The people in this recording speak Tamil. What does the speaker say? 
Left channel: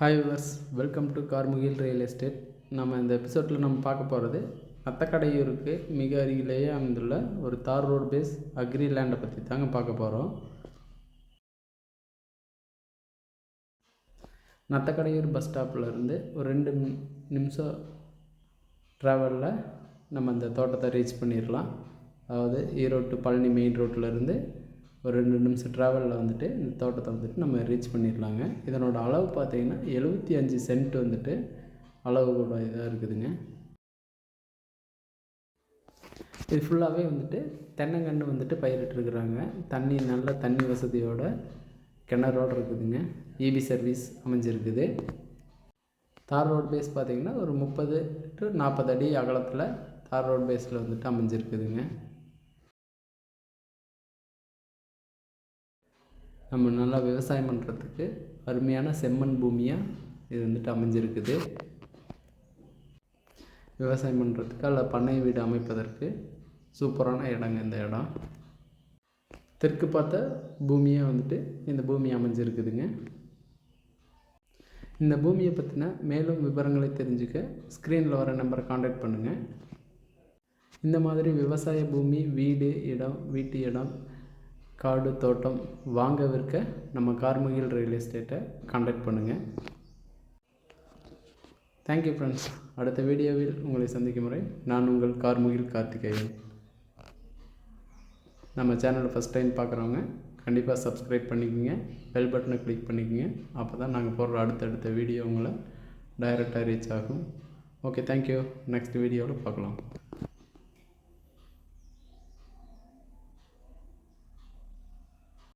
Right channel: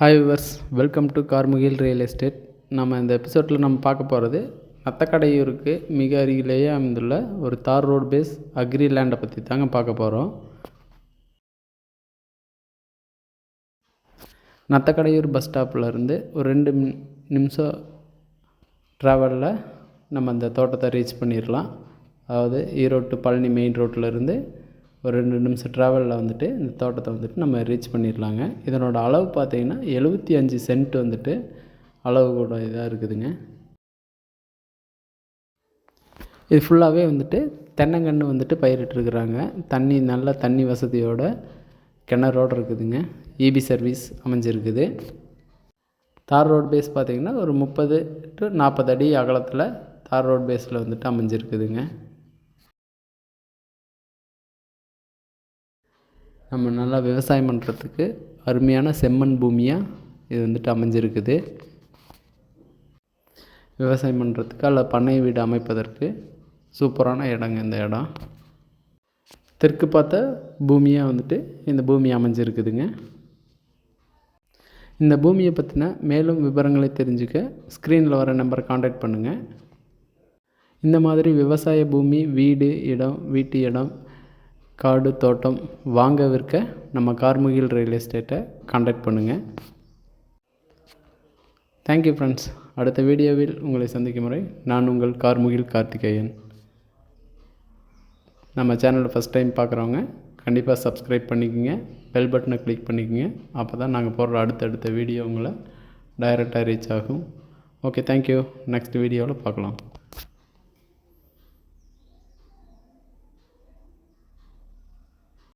Hi viewers, welcome to Karmugil real estate. நம்ம இந்த எபிசோடில் நம்ம பார்க்க போகிறது நத்தக்கடையூருக்கு மிக அருகிலேயே அமைந்துள்ள ஒரு தார் ரோடு பேஸ் அக்ரி லேண்டை பற்றி தாங்க பார்க்க போகிறோம். நத்தக்கடையூர் பஸ் ஸ்டாப்பில் ஒரு 2 நிமிஷம் ட்ராவலில் நம்ம அந்த தோட்டத்தை ரீச் பண்ணிடலாம். அதாவது ஈரோடு டு பழனி மெயின் ரோட்டில் ஒரு 2 நிமிஷம் ட்ராவலில் இந்த தோட்டத்தை நம்ம ரீச் பண்ணிடலாங்க. இதனோட அளவு பார்த்திங்கன்னா 75 சென்ட் அளவு கூட இதாக இருக்குதுங்க. இது ஃபுல்லாகவே தென்னங்கன்று பயிரிட்டுருக்குறாங்க. நல்ல தண்ணி வசதியோட கிணறோடு இருக்குதுங்க. இபி சர்வீஸ் அமைஞ்சிருக்குது. தார் ரோட் பேஸ் பார்த்திங்கன்னா ஒரு 30 to 40 அடி அகலத்தில் தார் ரோட் பேஸில் அமைஞ்சிருக்குதுங்க. நம்ம நல்லா விவசாயம் பண்ணுறதுக்கு அருமையான செம்மண் பூமியாக இது அமைஞ்சிருக்குது. விவசாயம் பண்ணுறதுக்கு அல்ல பண்ணை வீடு அமைப்பதற்கு சூப்பரான இடங்க இந்த இடம். தெற்கு பார்த்த பூமியாக இந்த பூமி அமைஞ்சிருக்குதுங்க. இந்த பூமியை பற்றின மேலும் விவரங்களை தெரிஞ்சுக்க ஸ்க்ரீனில் வர நம்பரை காண்டாக்ட் பண்ணுங்கள். இந்த மாதிரி விவசாய பூமி, வீட்டு இடம், காடு, தோட்டம் வாங்க விற்க நம்ம கார்முகில் ரியல் எஸ்டேட்டை காண்டாக்ட் பண்ணுங்கள். Thank you friends. அடுத்த வீடியோவில் உங்களை சந்திக்கும் முறை நான் உங்கள் கார்முகில் கார்த்திகேயன். நம்ம சேனலை ஃபஸ்ட் டைம் பார்க்குறவங்க கண்டிப்பாக சப்ஸ்கிரைப் பண்ணிக்கோங்க, பெல் பட்டனை கிளிக் பண்ணிக்கோங்க. அப்போ தான் நாங்கள் போடுற அடுத்தடுத்த வீடியோ உங்களை டைரெக்டாக ரீச் ஆகும். Okay, thank you. நெக்ஸ்ட் வீடியோவில் பார்க்கலாம்.